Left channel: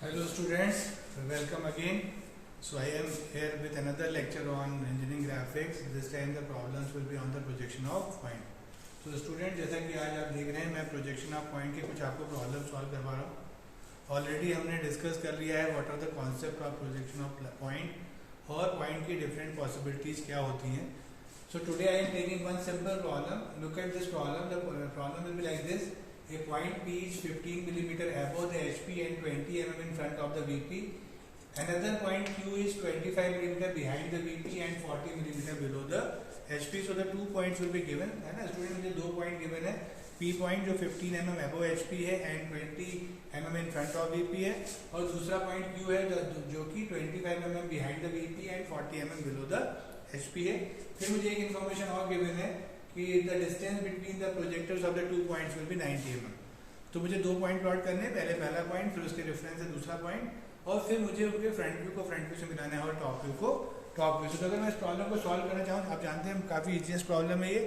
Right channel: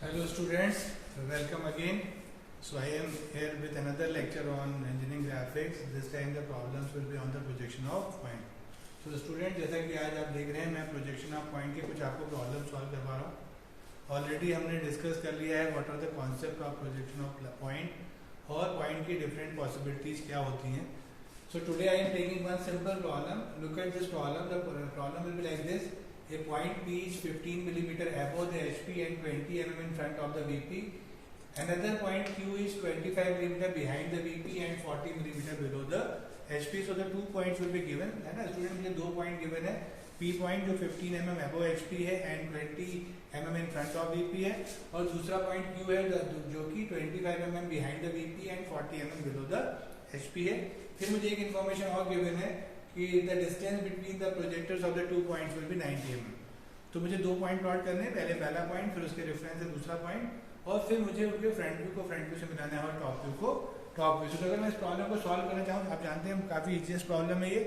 Hello students, welcome again. So I am here with another lecture on engineering graphics. This time the problems will be on the projection of point. So student, जैसा कि आज आप देख रहे हैं मैं projection of point के कुछ आपको problem solve करवा रहा हूँ. Already हमने discuss कर लिया है what are the concept of projection of point और point की different possibilities क्या होती हैं. So today I am taking one simple problem. Look at this problem. The problem will be like this. A point P is 15 millimeter above the HP and 20 mm in front of the VP. Another point Q is 25 millimeter behind the VP and 40 millimeter below the HP. So the 2 points will be given. है ना student, मुझे 2 point given है. P point जो 15 mm above HP है and 20 mm in front of VP है, और दूसरा point Q है जो कि 25 mm behind the VP and 40 mm below the HP है. फिर मुझे एक इन्फॉर्मेशन और गिवन है कि the distance between the projectors of the 2 points will be 90 mm. तो मुझे 2 पॉइंट प्लॉट करने हैं. पहला पॉइंट, फिर उसके रेफरेंस है दूसरा पॉइंट, और फिर मुझे उनके फ्रंट व्यू को फ्रंट व्यू से मिलाना है और टॉप व्यू को टॉप व्यू से. तो अगर मैं इस प्रॉब्लम को सॉल्व करना चाहूँ, आप जानते हैं काफी इजीएस्ट प्रॉब्लम है ये.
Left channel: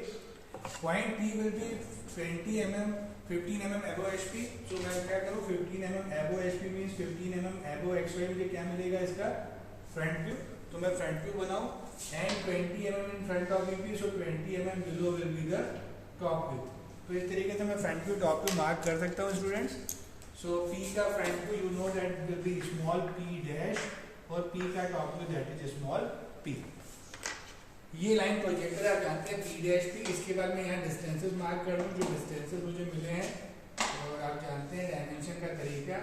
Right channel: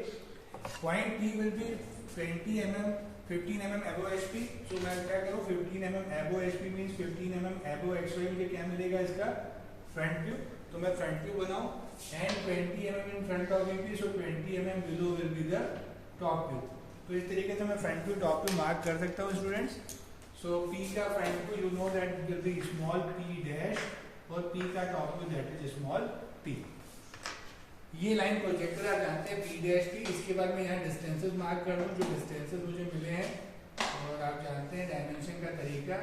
Point P will be 15 mm above HP. तो मैं क्या करूँ, 15 mm above HP means 15 mm above XY मुझे क्या मिलेगा, इसका फ्रंट व्यू. तो मैं फ्रंट व्यू बनाऊं and 20 mm in front of VP, so 20 mm below will be the top view. तो इस तरीके से मैं front view top view mark कर सकता हूँ स्टूडेंट्स. सो P का front view you know that will be small p dash, और P का top view that is small p. ये लाइन प्रोजेक्टर आप जानते हैं P डैश P. इसके बाद मैं यहाँ डिस्टेंसेस मार्क कर रहा हूँ, जो डिस्टेंसेस मुझे मिले हैं, और आप जानते हैं डायमेंशन का तरीका.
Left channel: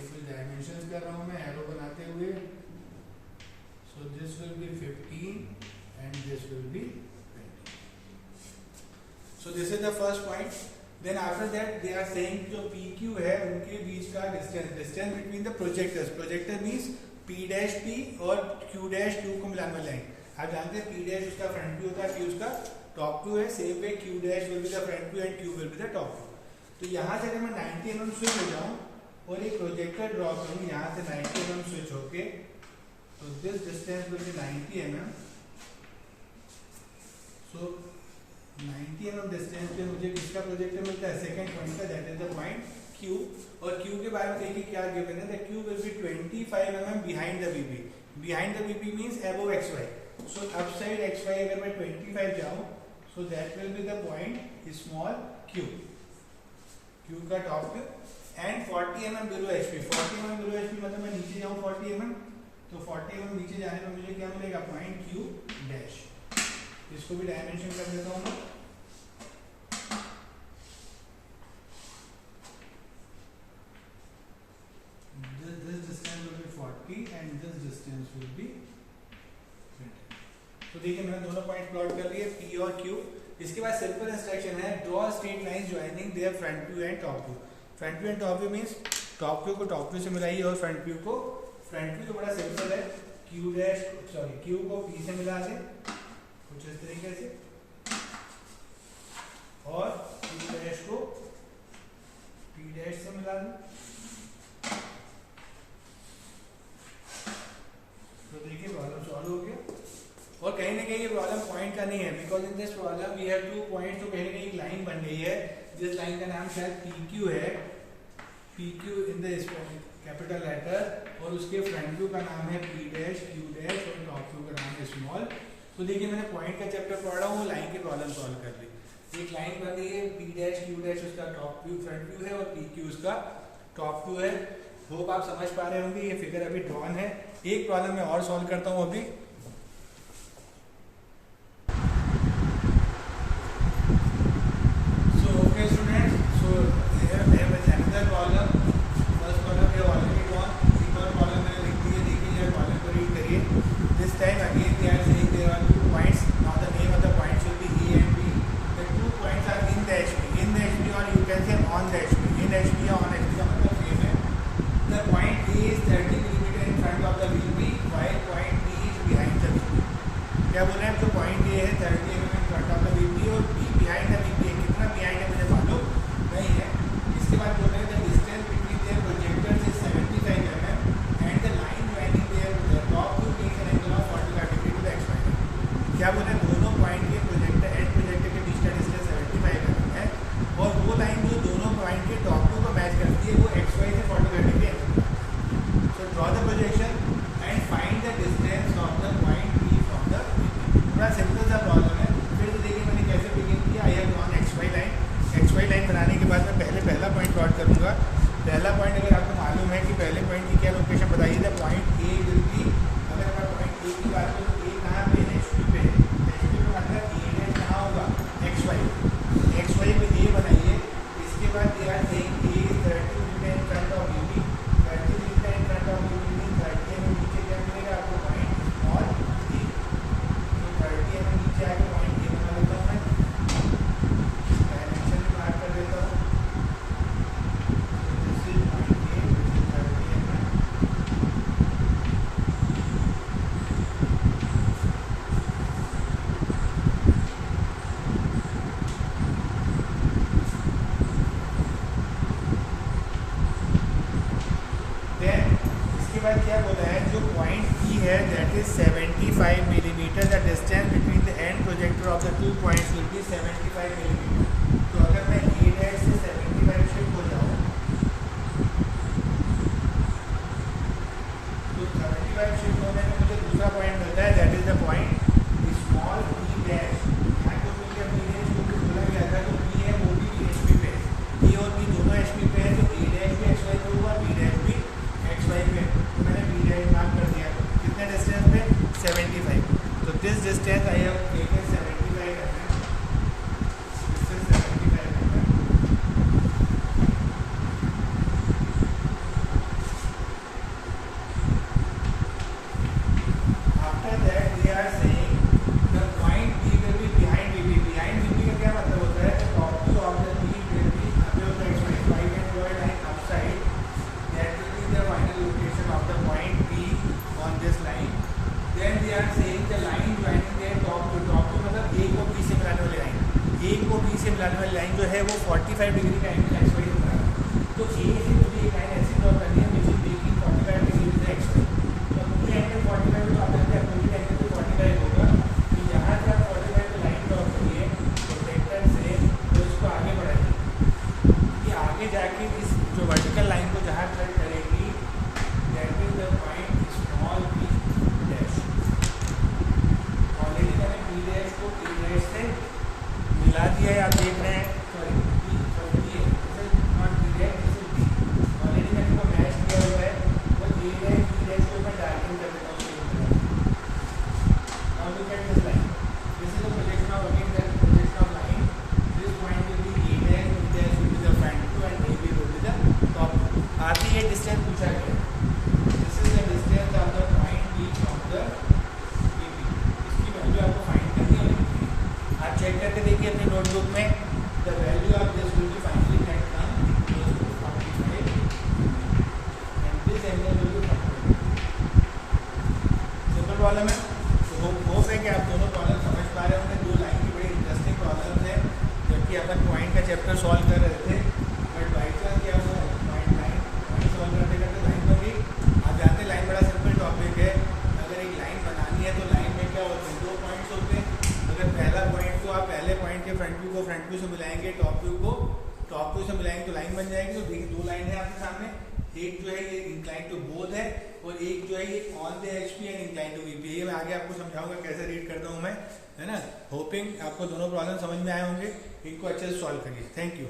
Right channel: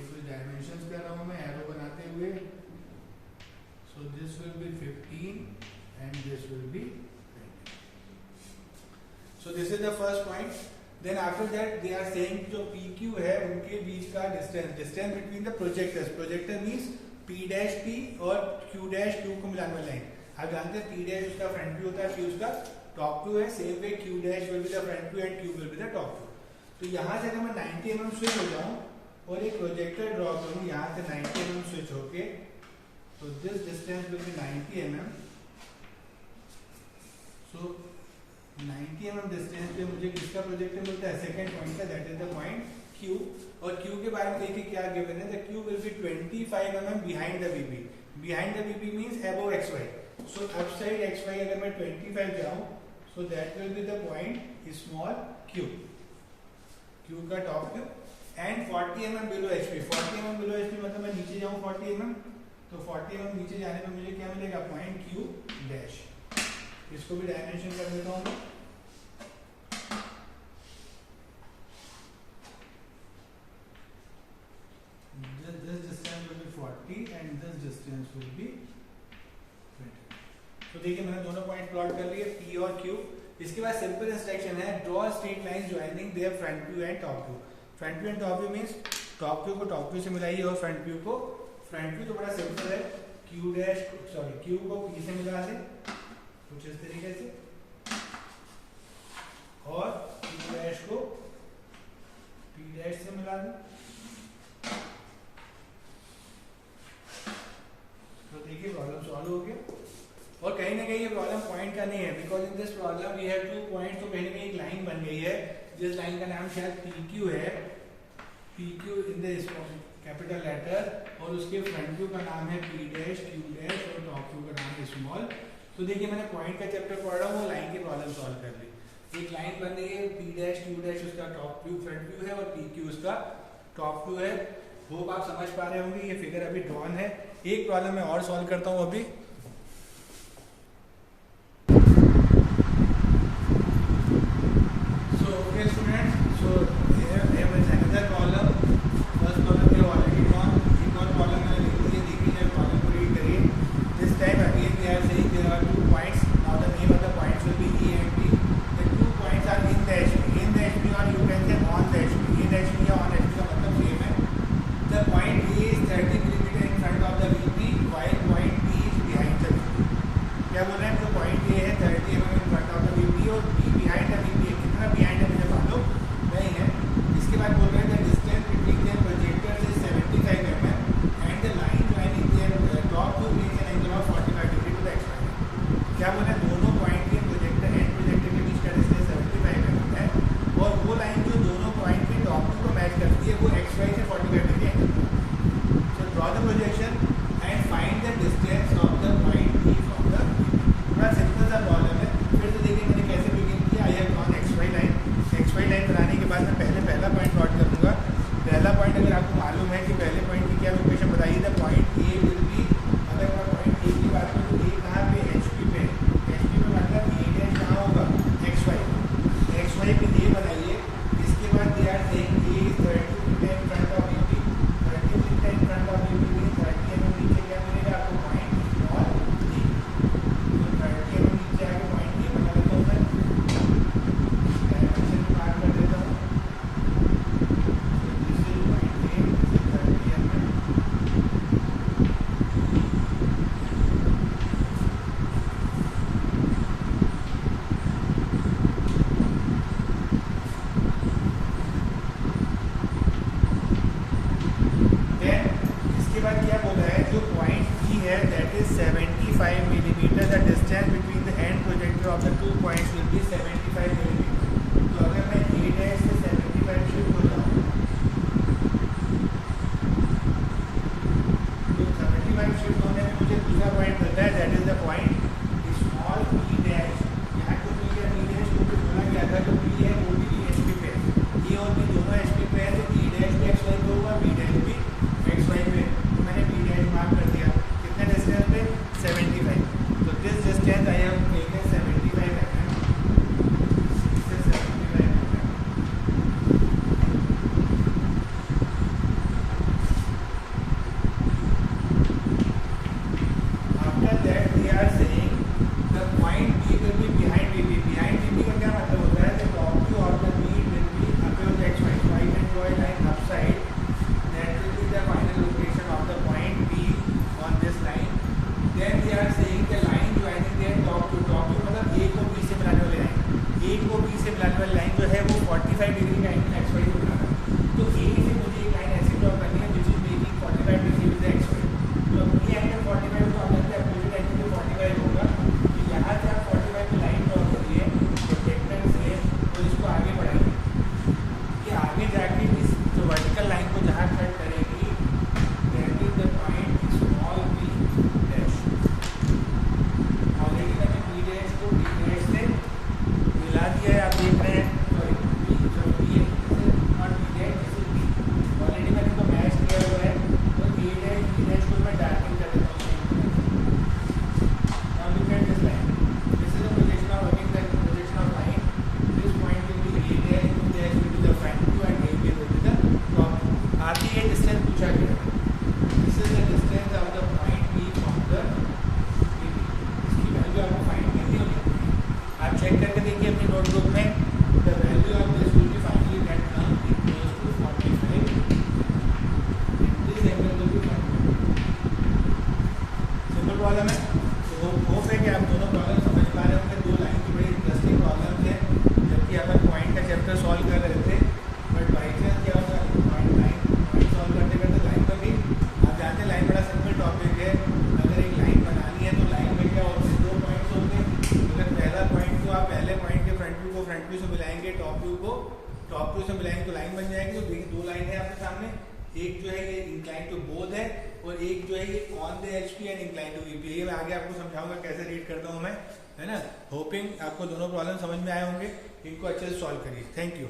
ये कुछ डायमेंशन कर रहा हूँ मैं एरो बनाते हुए. So this will be 15 and this will be 20. So this is the first point. Then after that they are saying जो PQ है उनके बीच का distance between the projectors. Projector means P dash P और Q dash Q को मिलाने वाला line. आप जानते हैं P dash उसका फ्रंट व्यू होता है, Q उसका टॉप व्यू है. Same way Q dash will be the front view and Q will be the top view. तो यहाँ से अगर मैं 90 mm स्विच हो जाऊँ और एक प्रोजेक्टर ड्रॉ करूँ यहाँ से 90 mm स्विच होके, so this distance will be 90 mm. So 90 mm distance पे मुझे किसका प्रोजेक्टर मिलता है, सेकंड पॉइंट का, that is the point Q. और Q के बारे में देखिए क्या गिवन है. The Q will be 25 mm behind the VP. Behind the VP means above XY. So upside XY अगर मैं 25 जाऊं, so that will be the point small q. Q का top view and 40 mm below HP. 40 mm below HP मतलब मैं नीचे जाऊं 40 mm, तो 40 mm नीचे जाने पर मुझे क्या मिलेगा, पॉइंट Q डैश. इसको भी डायमेंशन कर देता हूं मैं. This distance will be 40 and this distance will be 20. तो देखिए मैंने दोनों पॉइंट प्लॉट कर लिए, P और Q. इसके बाद सिंपल इंस्ट्रक्शन है, draw straight line joining there front view and top view. Front view and top view means top view को टॉप व्यू से मिलाइए और फ्रंट व्यू को फ्रंट व्यू. तो बड़ा सिंपल है, Q को P से मिला दें कुछ इस तरीके से, और Q डैश को P डैश से मिला दें. तो देखिए प्रॉब्लम सॉल्व हो गया. और कहीं ना कहीं ये प्रॉब्लम पॉइंट का नहीं है, because in this problem we have 2 point. तो कहीं ना कहीं एक लाइन बन गई है जिस लाइन का नाम शायद PQ है, PQ in the capital letter, और उसके फ्रंट व्यू का नाम है P डैश Q डैश और टॉप व्यू का नाम है स्मॉल. तो देखिए मैंने पॉइंट का चैप्टर पढ़ रहा हूँ, लाइन की प्रॉब्लम सॉल्व कर ली. एक लाइन बन गई है, P डैश Q डैश उसका टॉप व्यू फ्रंट व्यू है और PQ उसका टॉप व्यू है. होप आप समझ पा रहे होंगे. ये फिगर अभी ड्रॉन है. एक प्रॉब्लम मैं और सॉल्व करता हूँ अभी. So okay students, so here is another problem. First problem we have already drawn. एक और प्रॉब्लम मैंने लिख दी है, देखिए प्रॉब्लम को रीड करिए. This time again they are saying there are 2 points. Now the name of the points will be A and B. The 2 points are in the HP, or you can say on the HP. In HP या on HP का मतलब same है. The point A is 30 mm in front of the VP, while point B is behind the VP. क्या बोल रहे हैं, जो point A है 30 mm in front of the VP और B behind the VP है. कितना behind है मुझे मालूम नहीं है. इसके बाद बोल रहे हैं the distance between their projectors is 75 mm and the line joining their top view makes an angle of 45 degree to the XY. क्या बोल रहे हैं, दोनों पॉइंट के प्रोजेक्टर एंड प्रोजेक्टर के बीच का डिस्टेंस 75 mm है, और वो लाइन जो दोनों पॉइंट के टॉप व्यू को मैच करती है वो XY से 45 degree draw the projection and find the distance of the point P from the, थोड़ा सिंपल सा प्रॉब्लम है। फिर तो देखिए मैंने कैसे बिगिन किया। I have drawn X Y line. X Y line बनाने के बाद मैं पहला पॉइंट प्लॉट करूँगा। पहला पॉइंट अगर आपको मालूम है कि पहले पॉइंट की क्या लोकेशन बताइए, the point A will B, अगर मैं पॉइंट ए की बात करूँ तो ए कहाँ पे, एच पी पे। एच पी पे मतलब ए डैश कहाँ होगा, एक्स वाई पे ए बनाइए। इसके बाद they are saying A is 30 meter in front of VP, 30 meter in front of VP mean 30 mm नीचे क्या मिलेगा आपको, पॉइंट स्मॉल डी। तो 30 mm नीचे आके पॉइंट ए बना लेता हूँ मैं, डायमेंशन में मार्क कर देता हूँ। This is point A, this is 30 mm। इसके बाद क्या बोला है, जो पॉइंट पी है that is 75 millimetre, the distance between the end projector off the 2 points will be 75 millimetre. तो अगर मैं ए डैश से 75 शिफ्ट हो जाऊँ तो 75 शिफ्ट होने में मुझे दूसरा पॉइंट मिलता है that is the point small P dash. यहाँ को पी या बी डैश को बोला गया था, जो पी है वो भी एच पी पे, ए और बी दोनों एच पी पे है, तो ए डैश भी एक्स वाई पे होगा, बी डैश भी एक्स वाई पे। तो मैंने बी डैश मार्क कर दिया, कितने डिस्टेंस पे, 75। तो this distance I have taken 75 है, this is 75 meter. After that we are saying the point B will be behind VP. Behind VP का क्या मतलब होता है, the top view of the B will be above X Y, so I can draw a line upside that will be the final location of the point B on this line. Then we are saying the line joining their top to मतलब A को B से मिलाने वाली line, A को B से मिलाने वाली line जो है वो 45 डिग्री का एंगल एक्स वाई से मिलाना है। तो A से मुझे एक लाइन ऐसी ड्रॉ करनी है which is making 45 degree with X Y. तो ये एंगल 45 तो आप लगता है अपोजिट एंगल तो 45 होगा। तो यहाँ से आप 45 को लाइन ड्रॉ करिए प्रोजेक्टर से, तो इसको आगे बढ़ाइए। ये आगे जाके इस जो वर्टिकल लाइन को जहाँ कट करेगी that is the point small B dash. Already मैंने बी डैश को बी डैश से मिला दिया है, आप देख रहे हैं। सॉरी ये और बी डैश ऑलरेडी मैंने इसको मैच किया हुआ है। तो ए डैश बी डैश को मैं डार्किंग कर देता हूँ। Now look at this line, this is the projection of again the projection of line. This point will be A dash, B dash will be the front view and A will be the top. आगे ये distance पूछा गया, this is the distance of the point B from the A B. इसकी value आपको find करनी है। आप check करके देखिए अपनी नोटबुक में, the value of this will be finally that come equals to 45 and this angle will be 45। Simple problem है। तो होप है कि आप दोनों प्रॉब्लम समझ पा रहे होंगे। दो लाइन की बड़ी इंटरेस्टिंग प्रॉब्लम है, जबकि अगर पॉइंट का चैप्टर सॉल्व कर रहे थे, बट बाई चांस क्या होता है पॉइंट सॉल्व करते करते लाइन पर भी आप जानते हैं। लाइन बड़ा सिंपल टॉपिक है। अगर एक लाइन बनानी है तो लाइन में क्या होते हैं, 2 पॉइंट्स होते हैं। अगर पहला पॉइंट को आप पहले पॉइंट के फ्रंट व्यू को फ्रंट व्यू से मिलाएंगे, टॉप व्यू को टॉप व्यू से मिलाएंगे तो लाइन बन जाएगी। तो देखिए 2 लाइन है आपके सामने, एक जो है ये इंक्लाइन टू बोथ है और एक जो है ये on the HP and incline to VP. ये मैं आगे आपको समझाऊंगा कैसे रीड करता हूँ मैं, है ना। होपिंग आपको दोनों प्रॉब्लम समझ में आए होंगे। इनको अच्छे से सॉल्व करिए। Thank you.